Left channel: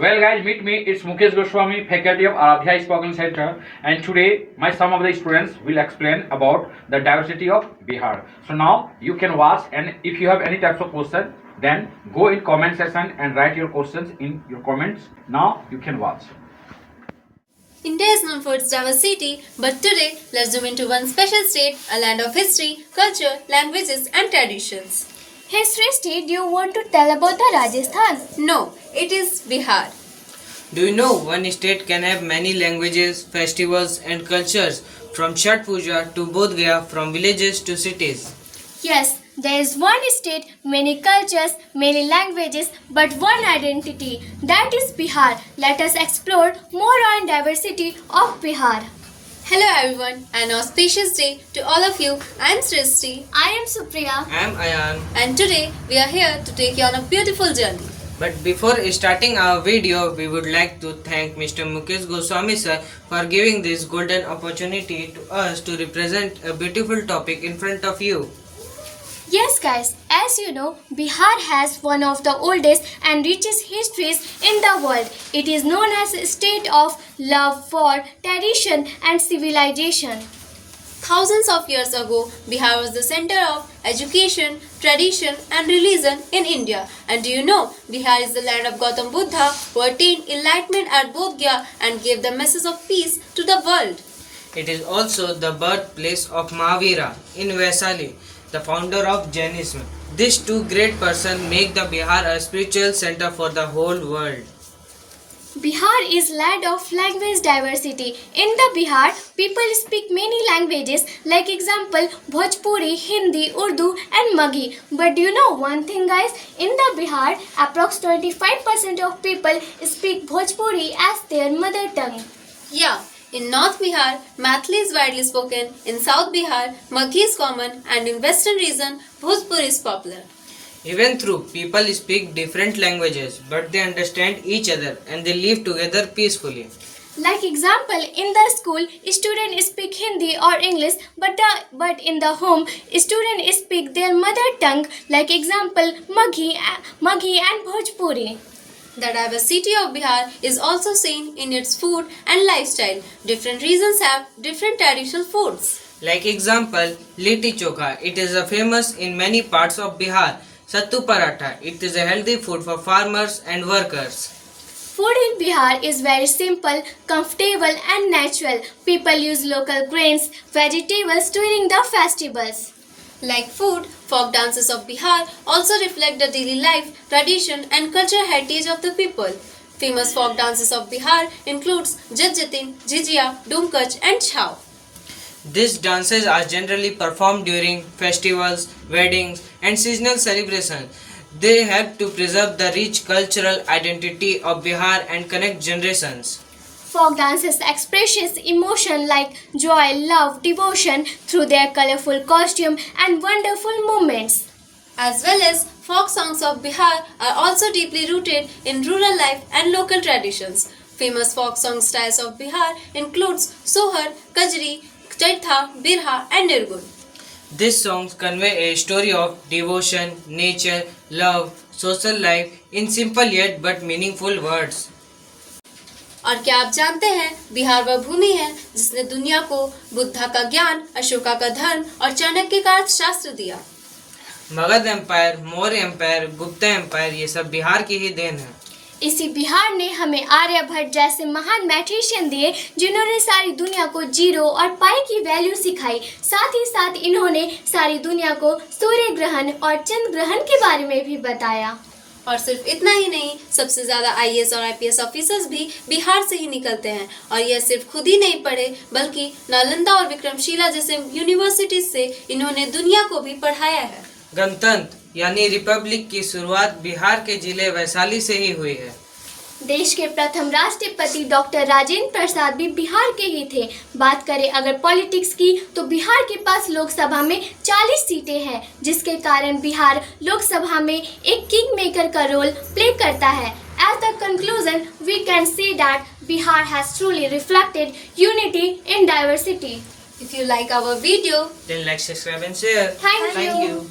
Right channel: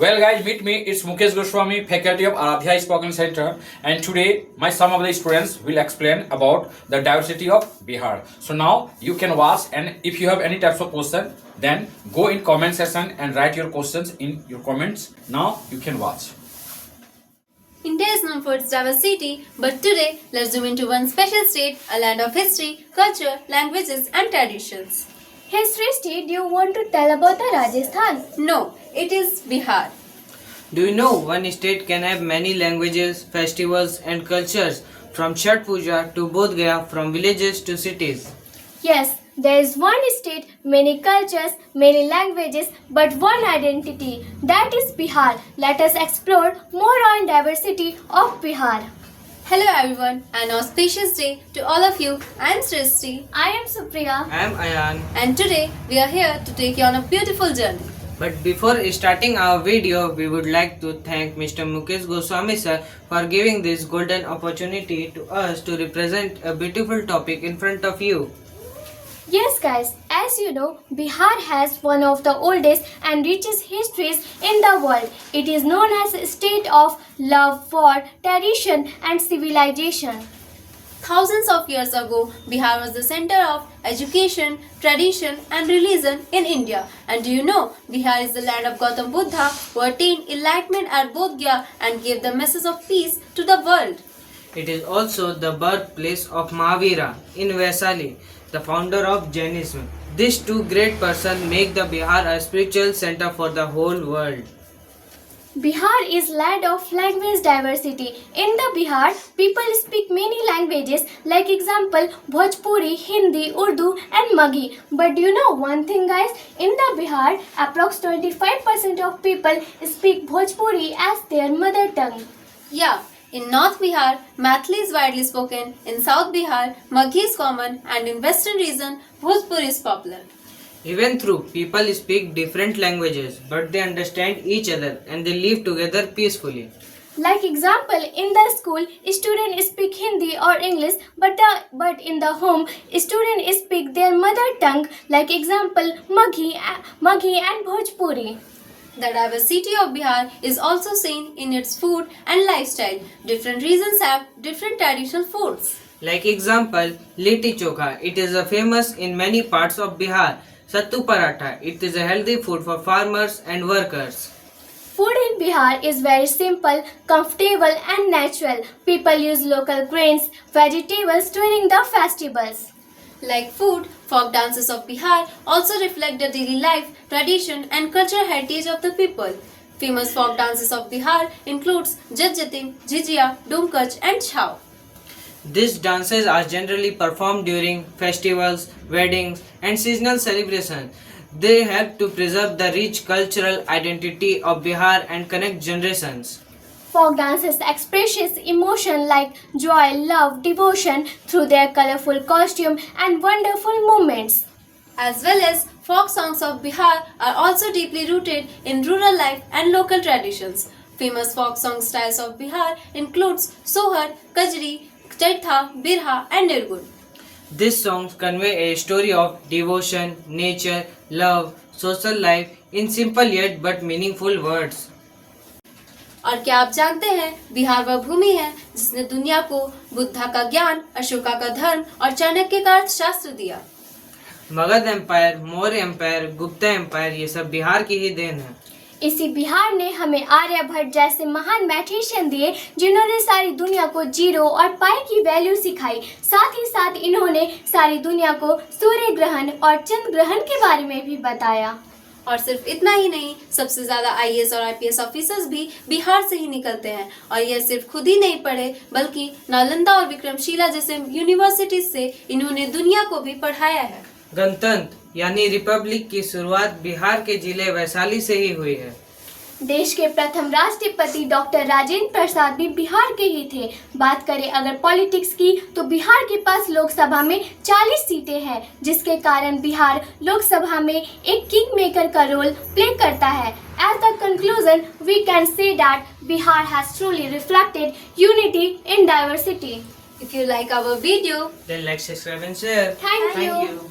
Well, guys, meet me. It's Mukesh Goswami, faculty of Aradhya Spoken Center, and today some of the students will explain about the diversity of Bihar. So now you can watch, and if you have any types of question, then go in comment section and write your questions in your comments. Now you can watch. India is known for its diversity, but today let's zoom into one special state, a land of history, culture, languages, and traditions. History state, do you want to tell about the Rajasthan? No, it is Bihar. Do you know one state can have many languages, festivals and cultures from Chhath Puja to Bodh Gaya, from villages to cities? Yes, there is one state, many cultures, many languages, but one identity. That is Bihar. Let us explore more on diversity of Bihar. Hello everyone, an auspicious day to all of you. I am Srishti, I am Supriya. I am Ayan. and today we are here to take you on a beautiful journey. But before starting our video, we would like to thank Mr. Mukesh Goswami sir for giving this golden opportunity to us to represent a beautiful topic in front of you. Yes guys, as you know, Bihar has one of the oldest and richest histories in the world. It is known as a state of love for tradition and civilization. Thousands of years ago, Bihar was the center of education, tradition, and religion in India. And do you know, Bihar is the land of Gautam Buddha, who attained enlightenment at Bodh Gaya and gave the message of peace to the world. It is also the birthplace of Mahavira in Vaisali, the founder of Jainism. These two great persons make the Bihar a spiritual center for the whole world. Bihar is land of language diversity. In the Bihar, people speak many languages like example Bhojpuri, Hindi, Urdu and Maghi. But do you know one thing guys? In the Bihar, approx 25% of people speak Bhojpuri as their mother tongue. Yeah, in North Bihar, Maithili is widely spoken. In South Bihar, Maghi is common, and in Western region, Bhojpuri is popular. Even though people speak different languages, but they understand each other and they live together peacefully. Like example, in the school, students speak Hindi or English, but in the home, students speak their mother tongue. Like example, Maghi and Bhojpuri. The diversity of Bihar is also seen in its food and lifestyle. Different regions have different traditional foods. Like example, Litti Chokha. It is a famous in many parts of Bihar. Sattu Paratha. It is a healthy food for farmers and workers. Food in Bihar is very simple, comfortable and natural. People use local grains, vegetables during the festivals. Like food, folk dances of Bihar also reflect the daily life, tradition and cultural heritage of the people. Famous folk dances of Bihar includes Jat-Jatin, Jhijia, Dumkach and Chhau. These dances are generally performed during festivals, weddings and seasonal celebrations. They help to preserve the rich cultural identity of Bihar and connect generations. Folk dances expresses emotion like joy, love, devotion through their colorful costume and wonderful movements. As well as folk songs of Bihar are also deeply rooted in rural life and local traditions. Famous folk song styles of Bihar includes Sohar, Kajri, Chaitha, Birha and Nirgun. These songs convey a story of devotion, nature, love, social life in simple yet but meaningful words. और क्या आप जानते हैं, बिहार वह भूमि है जिसने दुनिया को बुद्धा का ज्ञान, अशोका का धर्म और चाणक्य का अर्थशास्त्र दिया. Magadha empire, Maurya empire, Gupta empire ये सब बिहार की ही देन है. इसी बिहार ने हमें आर्यभट्ट जैसे महान मैथमेटिशियन दिए जिन्होंने सारी दुनिया को जीरो और पाई की वैल्यू सिखाई. साथ ही साथ इन्होंने सारी दुनिया को सूर्य ग्रहण और चंद्र ग्रहण के बारे में भी बताया. और सिर्फ इतना ही नहीं, सबसे ज्यादा आईएएस और आईपीएस ऑफिसर्स भी बिहार से ही निकलते हैं. और यह सिर्फ खुद ही नहीं पढ़े, बल्कि नालंदा और विक्रमशिला जैसे यूनिवर्सिटीज से इन्होंने दुनिया को भी पढ़ाया है. गणतंत्र यानी रिपब्लिक की शुरुआत बिहार के जिले वैशाली से ही हुई है. देश के प्रथम राष्ट्रपति डॉक्टर राजेंद्र प्रसाद भी बिहार के ही थे. बात करें अगर पॉलिटिक्स की, तो बिहार के पास लोकसभा में 40 सीटें हैं, जिसके कारण बिहार लोकसभा में एक किंग मेकर का रोल प्ले करता है. At the conclusion, we can say that Bihar has truly reflected unity in diversity. If you like our video, Then like, subscribe and share. Thank you. you.